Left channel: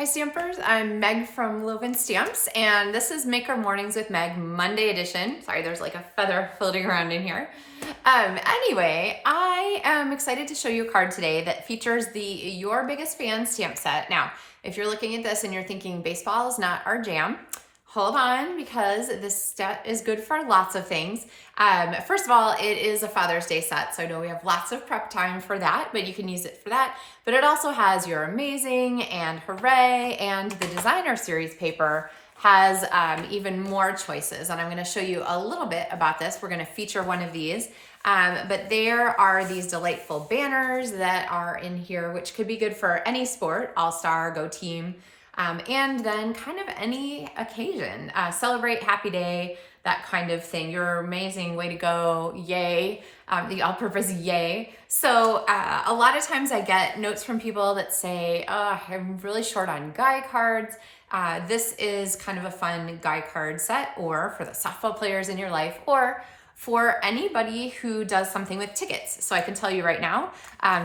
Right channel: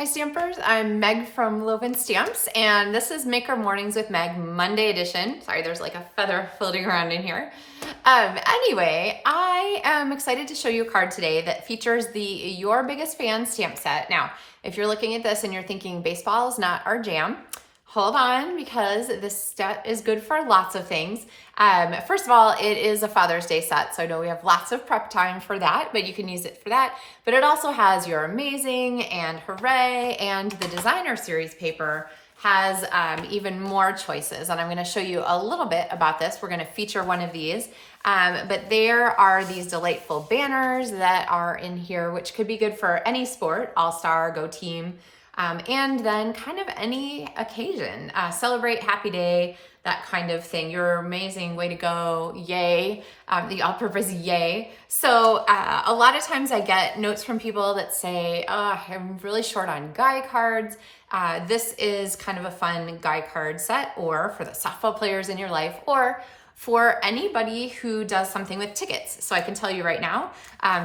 Hi Stampers, I'm Meg from LovenStamps, and this is Maker Mornings with Meg Monday edition. Sorry, there's like a feather floating around in here. Anyway, I am excited to show you a card today that features the Your Biggest Fan stamp set. Now, if you're looking at this and you're thinking baseball is not our jam, hold on, because this set is good for lots of things. First of all, it is a Father's Day set, so I know we have lots of prep time for that, but you can use it for that. But it also has Your Amazing and Hooray, and the Designer Series paper has even more choices, and I'm going to show you a little bit about this. We're going to feature one of these, but there are these delightful banners that are in here, which could be good for any sport, All-Star, Go Team, and then kind of any occasion. Celebrate, happy day, that kind of thing. You're amazing, way to go, yay, the all-purpose yay. So a lot of times I get notes from people that say, oh, I'm really short on guy cards. This is kind of a fun guy card set, or for the softball players in your life, or for anybody who does something with tickets. So I can tell you right now,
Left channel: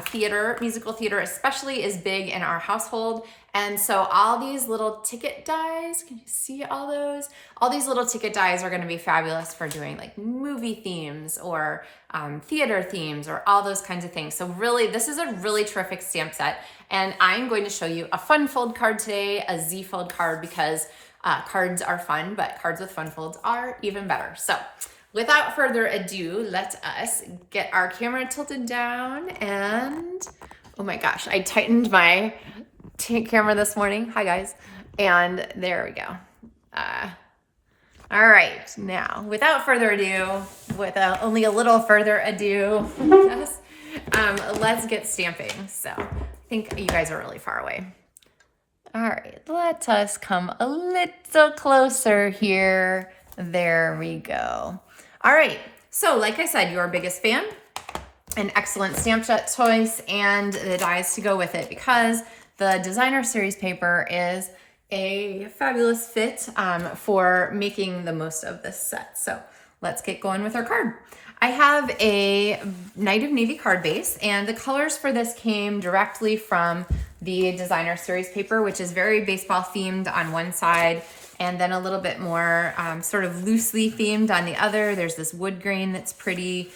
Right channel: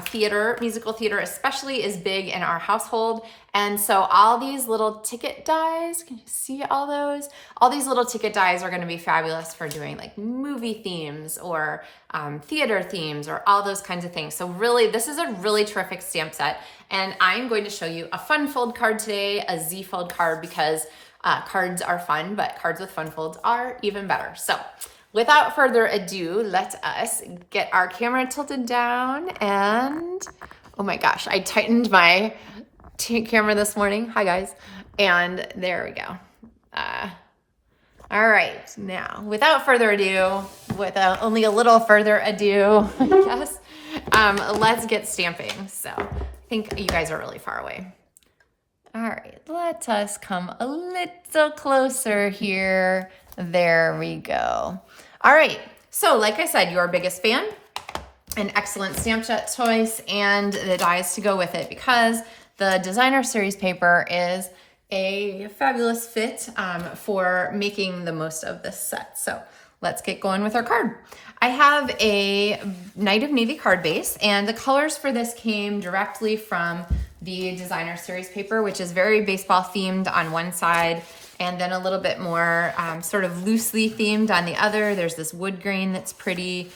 theater, musical theater especially, is big in our household. And so all these little ticket dies, can you see all those? All these little ticket dies are gonna be fabulous for doing like movie themes or theater themes or all those kinds of things. So really, this is a really terrific stamp set. And I'm going to show you a fun fold card today, a Z fold card, because cards are fun, but cards with fun folds are even better. So without further ado, let us get our camera tilted down and, oh my gosh, I tightened my camera this morning. Hi guys. And there we go. All right, now without further ado, with only a little further ado, yes, let's get stamping. So I think you guys are really far away. All right, let us come a little closer here. There we go. All right, so like I said, Your Biggest Fan, an excellent stamp set choice, and the dies to go with it, because the Designer Series paper is a fabulous fit for making the most of this set. So let's get going with our card. I have a Night of Navy card base, and the colors for this came directly from the Designer Series paper, which is very baseball themed on one side, and then a little bit more sort of loosely themed on the other. There's this wood grain that's pretty,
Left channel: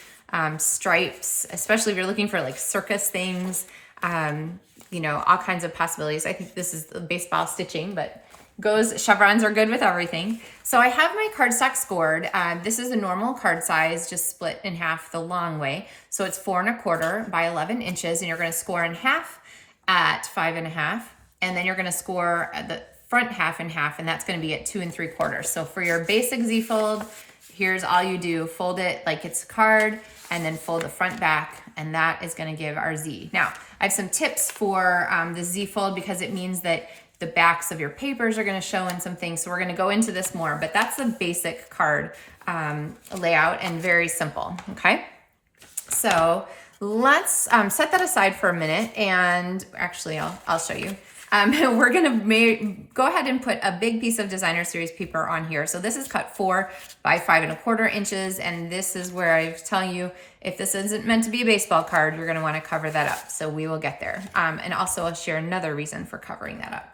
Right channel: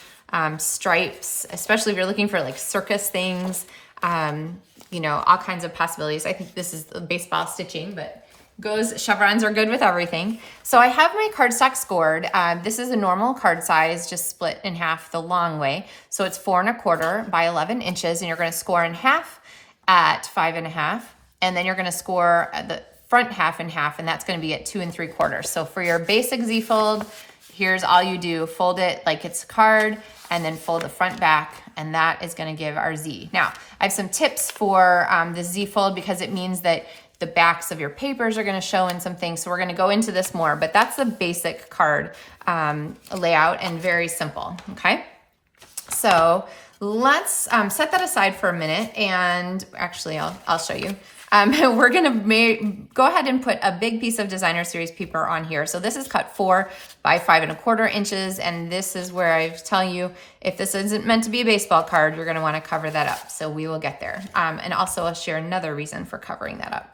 stripes, especially if you're looking for like circus things. You know, all kinds of possibilities. I think this is the baseball stitching, but chevrons are good with everything. So I have my cardstock scored. This is a normal card size, just split in half the long way. So it's 4 1/4 by 11 inches, and you're going to score in half at 5 1/2, and then you're going to score at the front half in half, and that's going to be at 2 3/4. So for your basic Z fold, here's all you do: fold it like it's a card, and then fold the front back, and that is gonna give our Z. Now, I have some tips for the Z fold, because it means that the backs of your papers are gonna show in some things, so we're gonna go into this more, but that's the basic card layout, and very simple, okay? So let's set that aside for a minute, and actually I'll show you. We're gonna go ahead and put a big piece of Designer Series paper on here. So this is cut 4 by 5 1/4 inches, and this is where I was telling you, if this isn't meant to be a baseball card, you're gonna wanna cover that up. So we will get there. And also I'll share another reason for covering that up.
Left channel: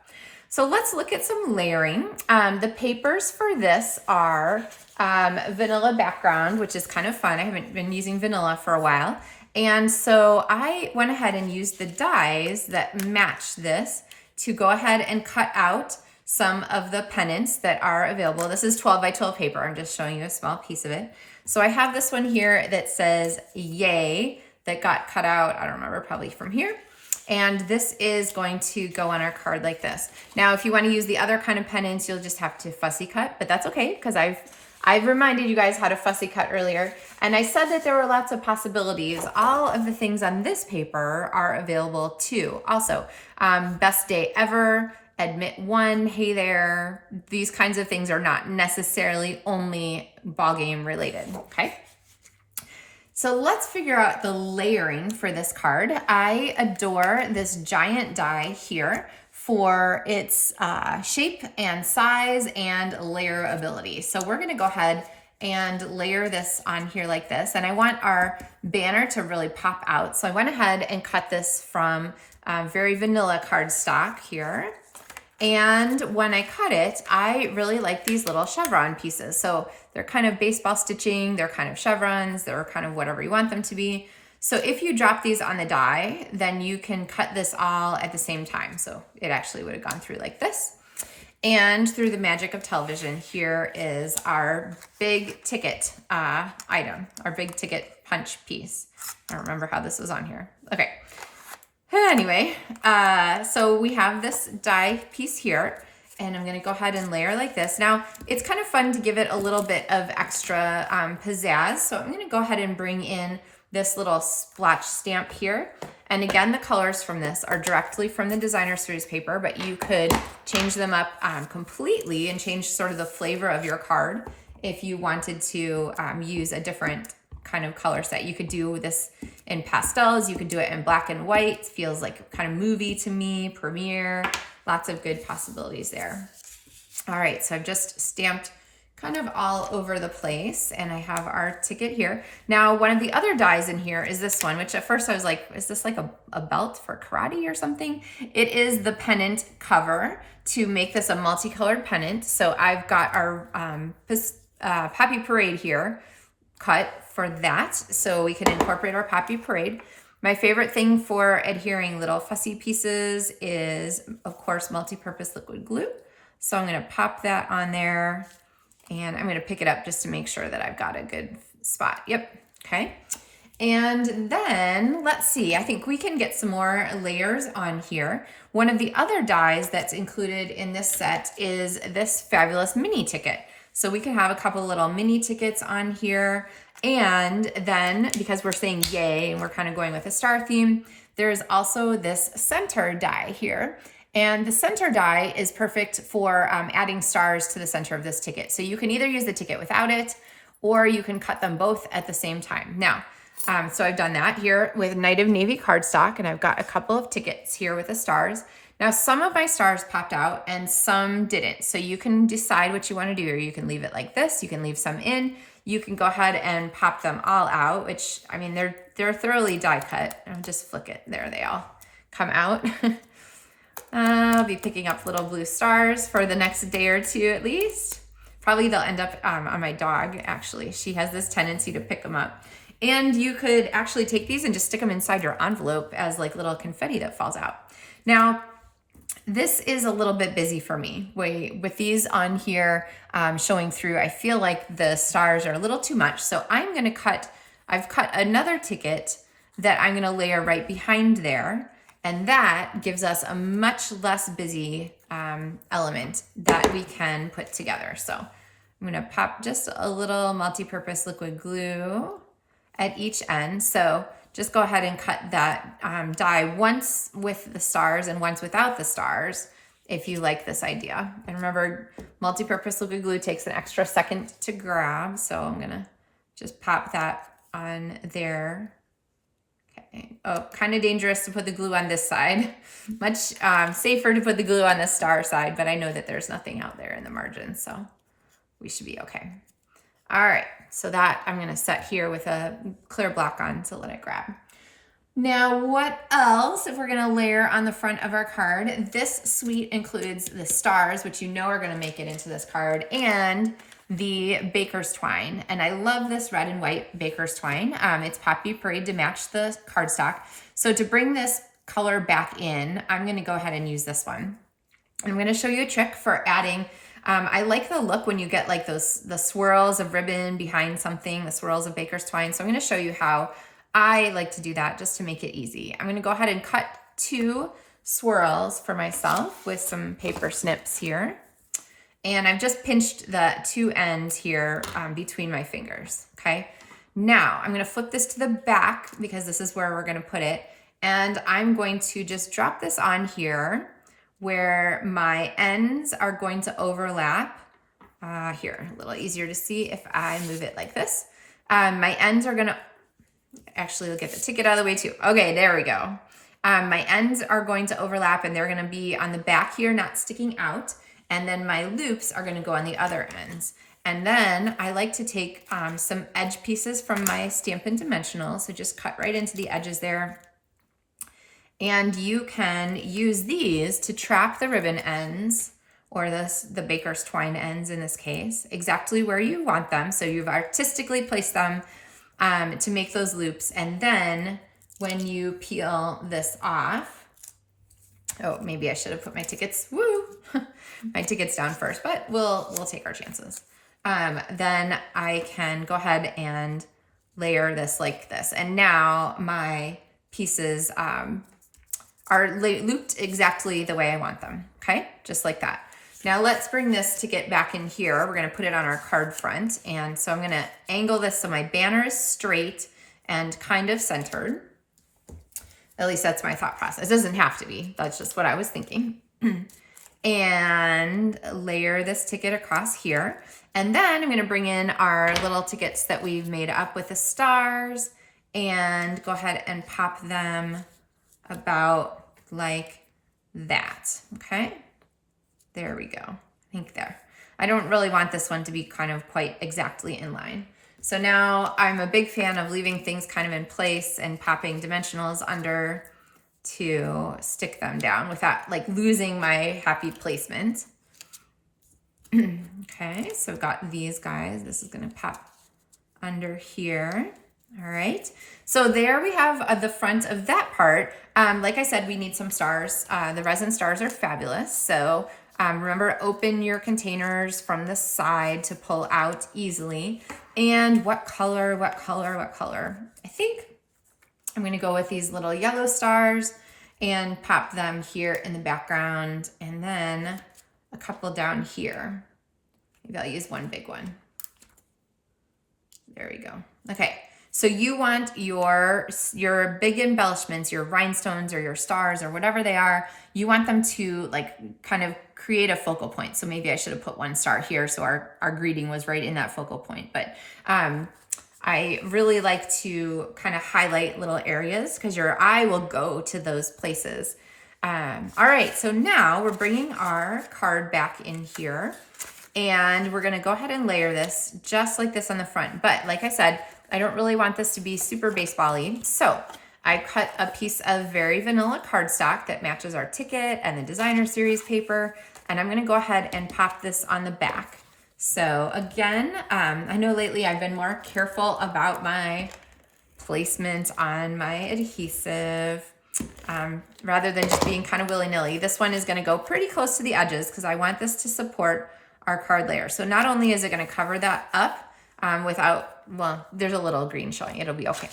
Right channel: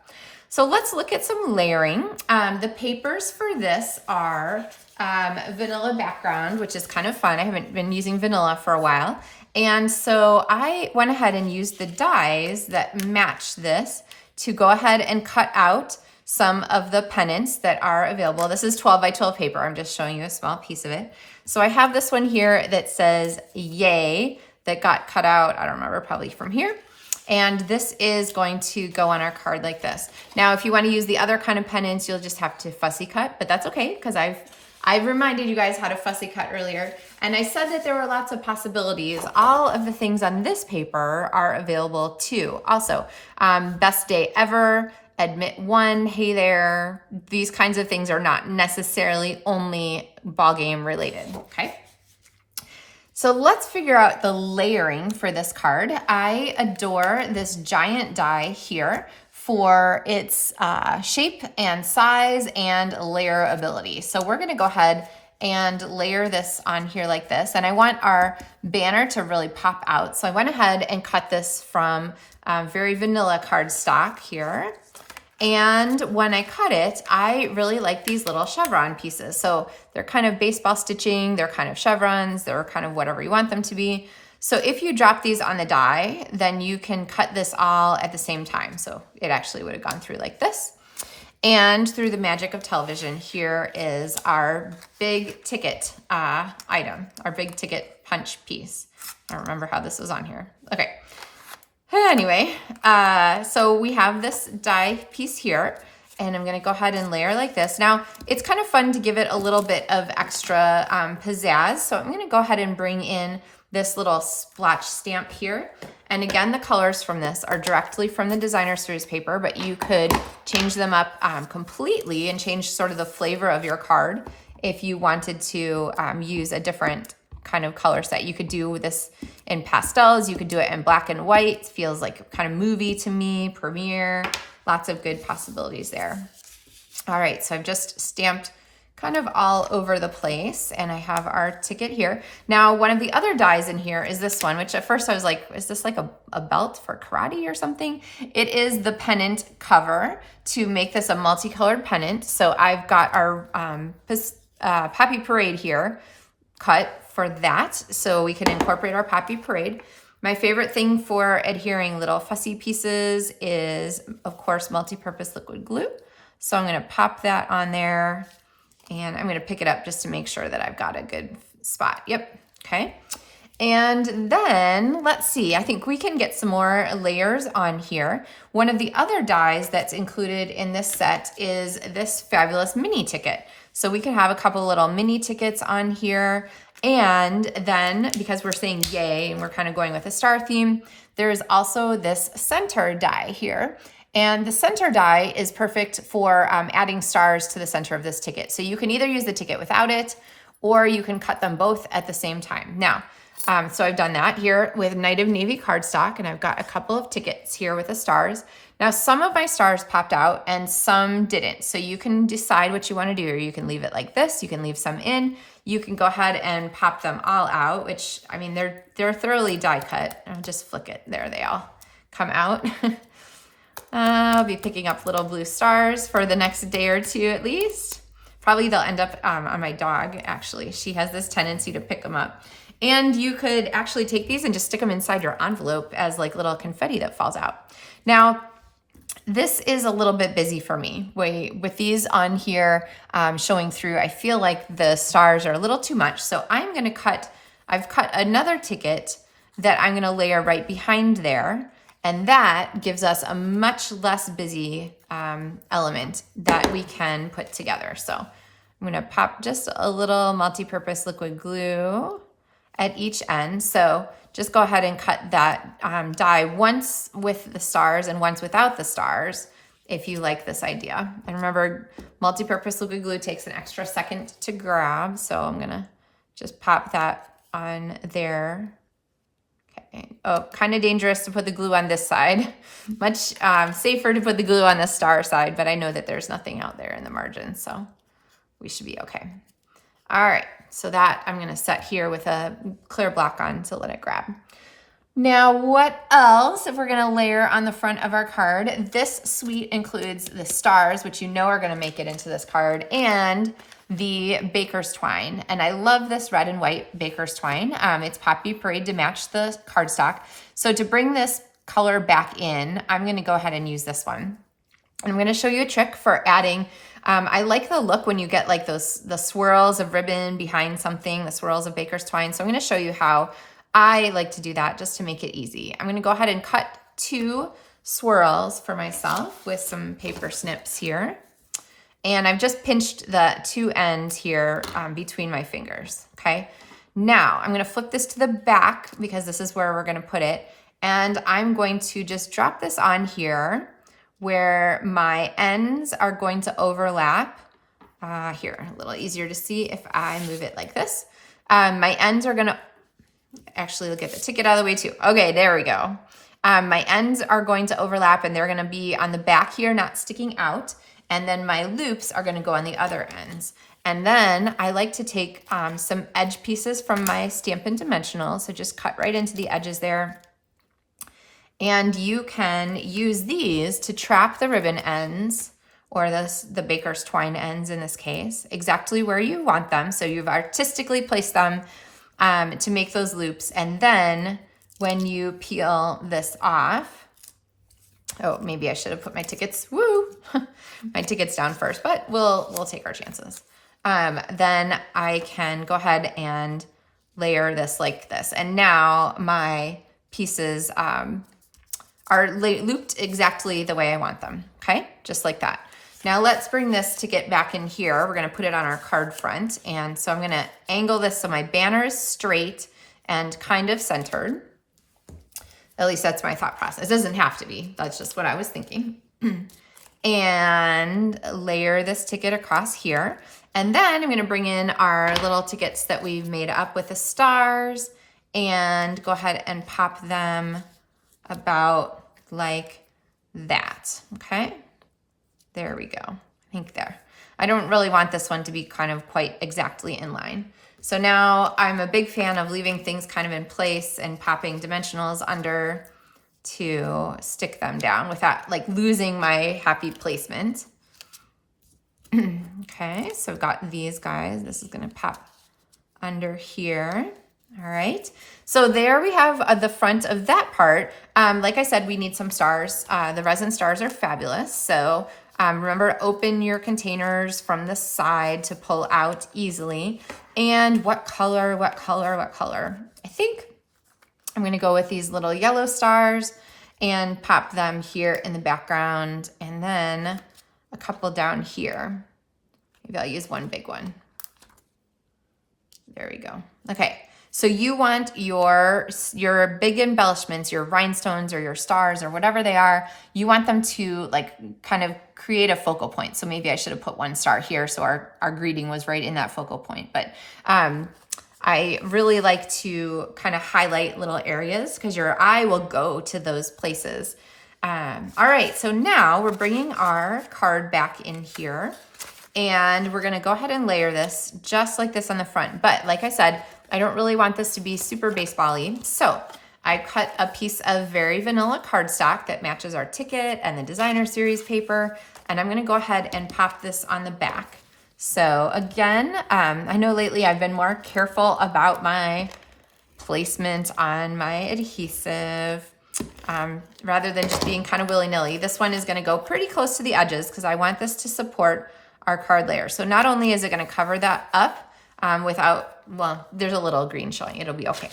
So let's look at some layering. The papers for this are vanilla background, which is kind of fun. I haven't been using vanilla for a while. And so I went ahead and used the dies that match this to go ahead and cut out some of the pennants that are available. This is 12 by 12 paper. I'm just showing you a small piece of it. So I have this one here that says yay, that got cut out, I don't remember, probably from here. And this is going to go on our card like this. Now, if you want to use the other kind of pennants, you'll just have to fussy cut, but that's okay, because I've reminded you guys how to fussy cut earlier, and I said that there were lots of possibilities. All of the things on this paper are available too. Also, best day ever, admit one, hey there, these kinds of things are not necessarily only ball game related, okay? So let's figure out the layering for this card. I adore this giant die here for its shape and size and layer ability. So we're gonna go ahead and layer this on here like this. And I want our banner to really pop out. So I went ahead and cut this from very vanilla cardstock here. And when I cut it, I really like these little chevron pieces. So they're kind of baseball stitching, they're kind of chevrons, they're kind of whatever you want them to be. So if you drop these on the die, then you can cut this all at the same time. So it actually would have gone through like this. And through the magic of television, here is our big ticket item, our big ticket punch piece. I don't remember how this was on here. Okay. Anyway, so we have this die piece here, and I'm going to go ahead and layer like this. Now, it's kind of fun to give it a little bit of extra pizzazz. So I'm going to go ahead and bring in this little splotch stamp here. And again, the colors from this are directly from the designer series paper, but you could change them up completely and change sort of the flavor of your card if you wanted to use a different kind of color set. You could do this in pastels, you could do it in black and white. It feels like kind of movie to me, premiere, lots of good possibilities there. All right, so I've just stamped kind of all over the place, and I have our ticket here. Now, one of the other dies in here is this one, which at first I was like, is this like a belt for karate or something? It is the pennant cover to make this a multicolored pennant. So I've got our Poppy Parade here cut for that, so we can incorporate our Poppy Parade. My favorite thing for adhering little fussy pieces is, of course, multi-purpose liquid glue. So I'm gonna pop that on there, and I'm gonna pick it up just to make sure that I've got a good spot. Yep, okay. And then, let's see, I think we can get some more layers on here. One of the other dies that's included in this set is this fabulous mini ticket. So we can have a couple little mini tickets on here. And then, because we're saying yay, and we're kind of going with a star theme, there's also this center die here. And the center die is perfect for adding stars to the center of this ticket. So you can either use the ticket without it, or you can cut them both at the same time. Now, so I've done that here with Night of Navy cardstock, and I've got a couple of tickets here with the stars. Now, some of my stars popped out and some didn't. So you can decide what you want to do, or you can leave it like this. You can leave some in. You can go ahead and pop them all out, which, I mean, they're thoroughly die cut. I'll just flick it. There they all come out. I'll be picking up little blue stars for the next day or two at least. Probably they'll end up on my dog, actually. She has this tendency to pick them up. And you could actually take these and just stick them inside your envelope as like little confetti that falls out. Now, this is a little bit busy for me. With these on here showing through, I feel like the stars are a little too much. So I'm gonna I've cut another ticket that I'm gonna layer right behind there. And that gives us a much less busy element that we can put together. So I'm gonna pop just a little multi-purpose liquid glue at each end. So just go ahead and cut that die once with the stars and once without the stars, if you like this idea. And remember, multi-purpose liquid glue takes an extra second to grab. So I'm gonna just pop that on there. Okay. Oh, kind of dangerous to put the glue on this side. Much safer to put the glue on the star side, but I know that there's nothing out there in the margin, so we should be okay. All right, so that I'm gonna set here with a clear block on to let it grab. Now, what else if we're gonna layer on the front of our card? This suite includes the stars, which you know are gonna make it into this card, and the baker's twine. And I love this red and white baker's twine. It's Poppy Parade to match the cardstock. So to bring this color back in, I'm gonna go ahead and use this one. And I'm gonna show you a trick for adding. I like the look when you get like the swirls of ribbon behind something, the swirls of baker's twine. So I'm gonna show you how I like to do that just to make it easy. I'm gonna go ahead and cut 2 swirls for myself with some paper snips here. And I've just pinched the 2 ends here between my fingers, okay? Now, I'm gonna flip this to the back because this is where we're gonna put it. And I'm going to just drop this on here where my ends are going to overlap. Here, a little easier to see if I move it like this. My ends are gonna, actually look at the ticket out of the way too. Okay, there we go. My ends are going to overlap and they're gonna be on the back here, not sticking out. And then my loops are gonna go on the other ends. And then I like to take some edge pieces from my Stampin' Dimensional. So just cut right into the edges there. And you can use these to trap the ribbon ends, or the baker's twine ends in this case, exactly where you want them. So you've artistically placed them to make those loops. And then when you peel this off, oh, maybe I should have put my tickets, my tickets down first, but we'll take our chances. Then I can go ahead and layer this like this. And now my pieces are looped exactly the way I want them, okay? Just like that. Now let's bring this to get back in here. We're gonna put it on our card front. And so I'm gonna angle this so my banner is straight and kind of centered. At least that's my thought process. It doesn't have to be, that's just what I was thinking. And layer this ticket across here. And then I'm gonna bring in our little tickets that we've made up with the stars and go ahead and pop them about like that, okay? There we go, I think there. I don't really want this one to be kind of quite exactly in line. So now I'm a big fan of leaving things kind of in place and popping dimensionals under to stick them down without like losing my happy placement. Okay, so I've got these guys. This is gonna pop under here. All right, so there we have the front of that part. Like I said, we need some stars. The resin stars are fabulous. So remember to open your containers from the side to pull out easily. And what color? I think I'm gonna go with these little yellow stars and pop them here in the background, and then a couple down here. Maybe I'll use one big one. There we go. Okay. So you want your big embellishments, your rhinestones or your stars or whatever they are, you want them to like kind of create a focal point. So maybe I should have put one star here so our greeting was right in that focal point. But I really like to kind of highlight little areas because your eye will go to those places. All right, so now we're bringing our card back in here and we're gonna go ahead and layer this just like this on the front. But like I said, I don't really want this to be super baseball-y. So I cut a piece of very vanilla cardstock that matches our ticket and the designer series paper. And I'm gonna go ahead and pop this on the back. So again, I know lately I've been more careful about my placement on my adhesive rather than just being kind of willy-nilly. This one is gonna go pretty close to the edges because I want this to support our card layer. So not only is it gonna cover that up without, well, there's a little green showing, it'll be okay.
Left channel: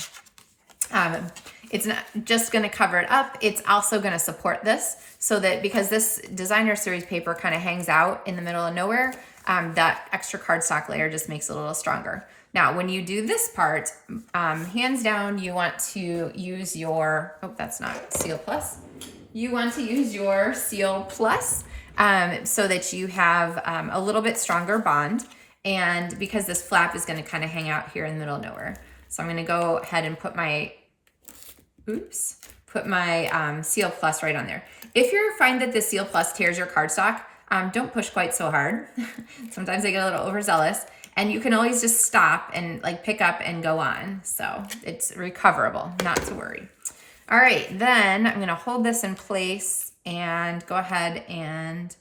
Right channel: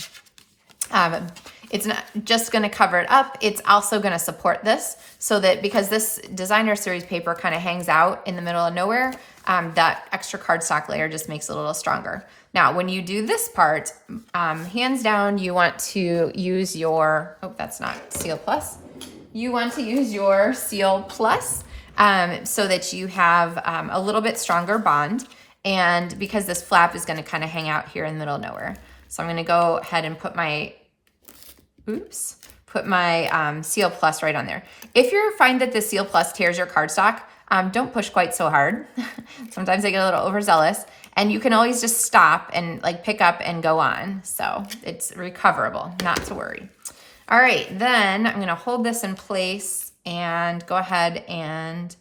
It's not just gonna cover it up, it's also gonna support this so that because this designer series paper kind of hangs out in the middle of nowhere, that extra cardstock layer just makes it a little stronger. Now, when you do this part, hands down, you want to use your, oh, that's not Seal Plus. You want to use your Seal Plus so that you have a little bit stronger bond. And because this flap is gonna kind of hang out here in the middle of nowhere. So I'm gonna go ahead and put my, Seal Plus right on there. If you find that the Seal Plus tears your cardstock, don't push quite so hard. Sometimes I get a little overzealous. And you can always just stop and like pick up and go on. So it's recoverable, not to worry. All right, then I'm gonna hold this in place and go ahead and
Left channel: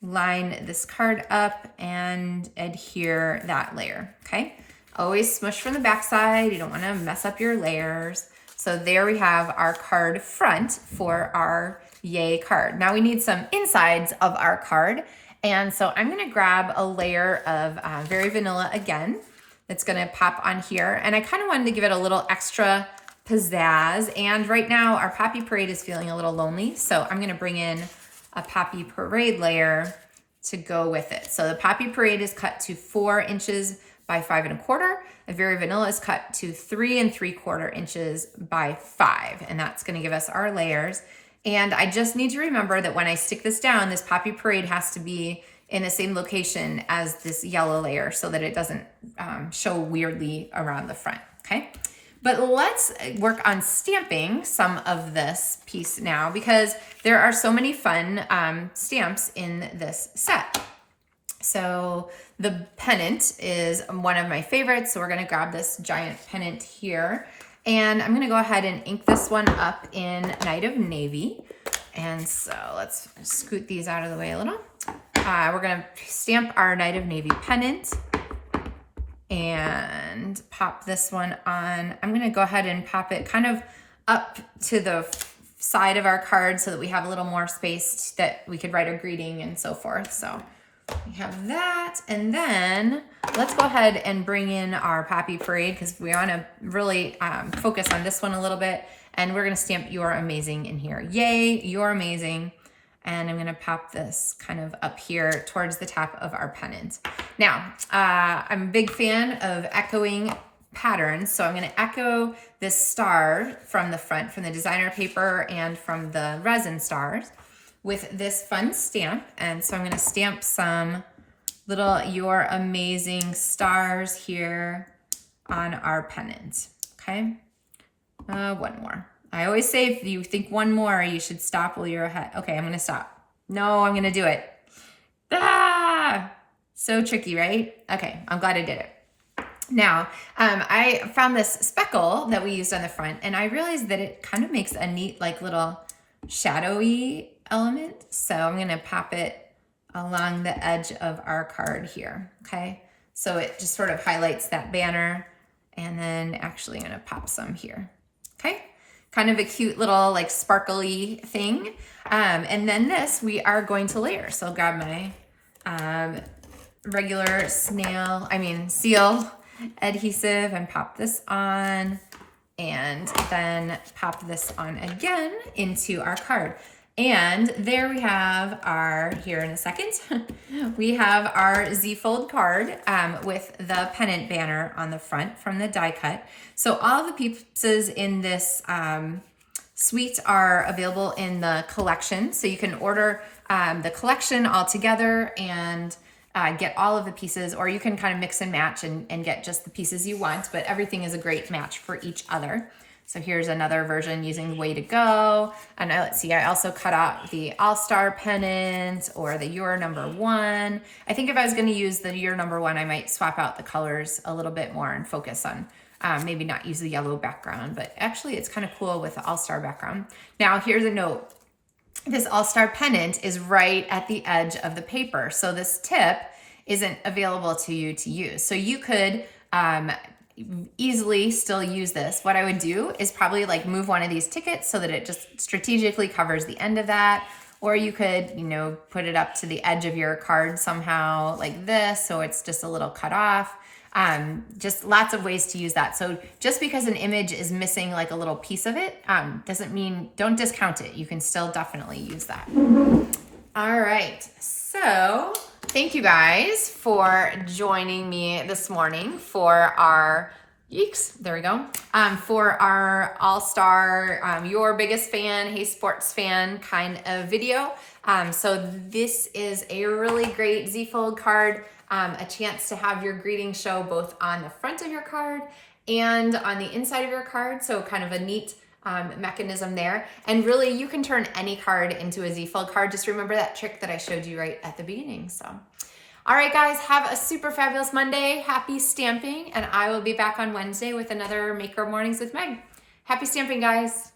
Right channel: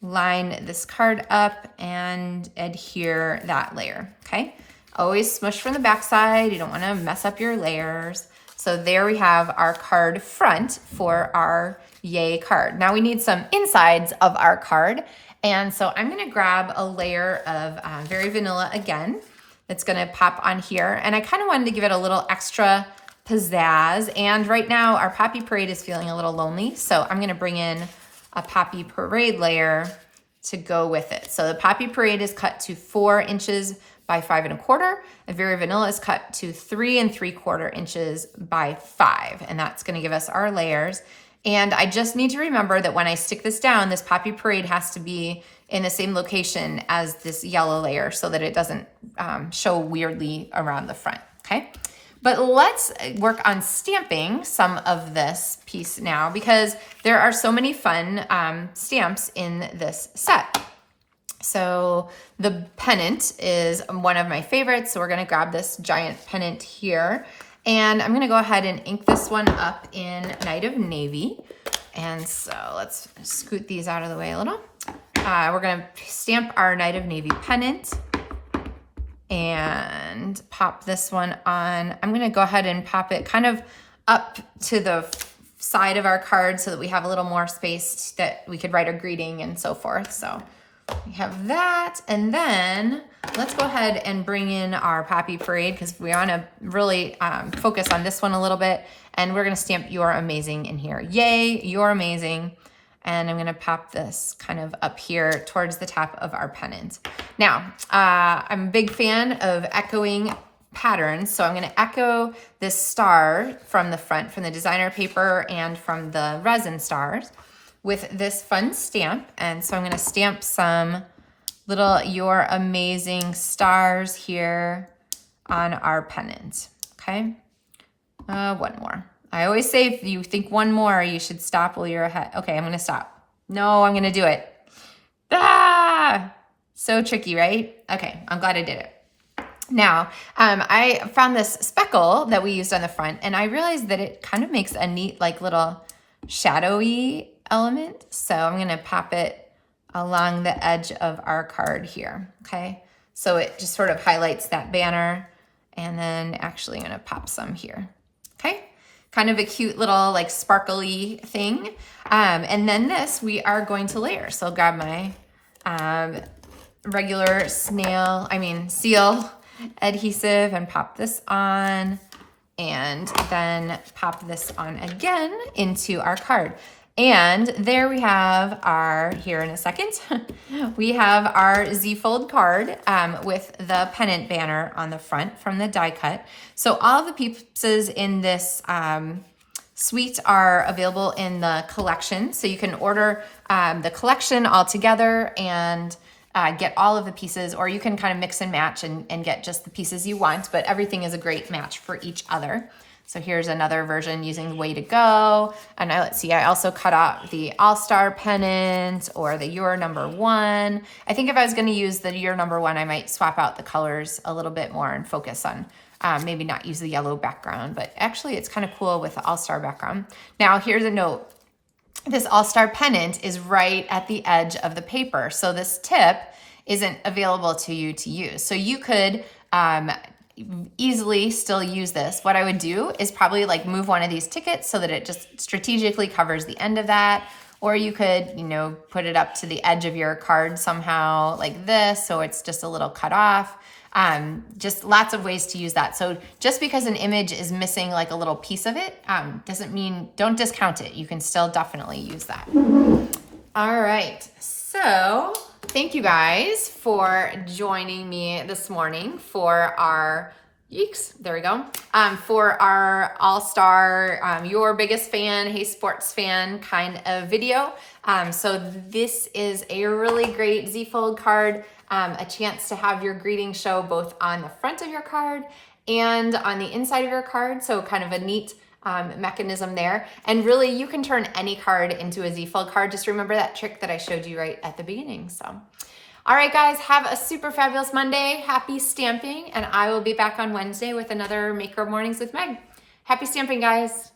line this card up and adhere that layer, okay? Always smush from the back side. You don't wanna mess up your layers. So there we have our card front for our Yay card. Now we need some insides of our card. And so I'm gonna grab a layer of Very Vanilla again. That's gonna pop on here. And I kind of wanted to give it a little extra pizzazz. And right now our Poppy Parade is feeling a little lonely. So I'm gonna bring in a Poppy Parade layer to go with it. So the Poppy Parade is cut to 4 inches by 5 1/4. A Very Vanilla is cut to 3 3/4 inches by 5. And that's gonna give us our layers. And I just need to remember that when I stick this down, this Poppy Parade has to be in the same location as this yellow layer so that it doesn't show weirdly around the front, okay? But let's work on stamping some of this piece now because there are so many fun stamps in this set. So the Pennant is one of my favorites. So we're gonna grab this giant Pennant here. And I'm gonna go ahead and ink this one up in Night of Navy. And so let's scoot these out of the way a little. We're gonna stamp our Night of Navy pennant and pop this one on. I'm gonna go ahead and pop it kind of up to the side of our card so that we have a little more space that we could write a greeting and so forth. So we have that, and then let's go ahead and bring in our Poppy Parade because we want to really focus on this one a little bit, and we're going to stamp You're Amazing in here. Yay, you're amazing. And I'm going to pop this kind of up here towards the top of our pennant. Now, I'm a big fan of echoing patterns, so I'm going to echo this star from the front, from the designer paper and from the resin stars, with this fun stamp. And so I'm gonna stamp some little You're Amazing stars here on our pennant, okay? One more. I always say if you think one more, you should stop while you're ahead. Okay, I'm gonna stop. No, I'm gonna do it. Ah! So tricky, right? Okay, I'm glad I did it. Now, I found this speckle that we used on the front, and I realized that it kind of makes a neat, like, little shadowy element. So I'm gonna pop it along the edge of our card here, okay? So it just sort of highlights that banner, and then actually I'm gonna pop some here, okay? Kind of a cute little like sparkly thing. And then this we are going to layer. So I'll grab my regular seal adhesive and pop this on, and then pop this on again into our card. And there we have our, here in a second, we have our Z-fold card with the pennant banner on the front from the die cut. So all of the pieces in this suite are available in the collection. So you can order the collection all together and get all of the pieces, or you can kind of mix and match and get just the pieces you want, but everything is a great match for each other. So here's another version using Way to Go. And let's see, I also cut out the All-Star pennant or the You're Number One. I think if I was gonna use the You're Number One, I might swap out the colors a little bit more and focus on maybe not use the yellow background, but actually it's kind of cool with the All-Star background. Now here's a note. This All-Star pennant is right at the edge of the paper. So this tip isn't available to you to use. So you could easily still use this. What I would do is probably like move one of these tickets so that it just strategically covers the end of that. Or you could, you know, put it up to the edge of your card somehow like this, so it's just a little cut off. Just lots of ways to use that. So just because an image is missing like a little piece of it, doesn't mean, don't discount it. You can still definitely use that. All right, so thank you guys for joining me this morning for our, there we go, for our All-Star, Your Biggest Fan, Hey Sports Fan kind of video. So this is a really great Z-fold card, a chance to have your greeting show both on the front of your card and on the inside of your card. So kind of a neat mechanism there. And really you can turn any card into a Z-fold card. Just remember that trick that I showed you right at the beginning. So, all right guys, have a super fabulous Monday. Happy stamping. And I will be back on Wednesday with another Maker Mornings with Meg. Happy stamping, guys.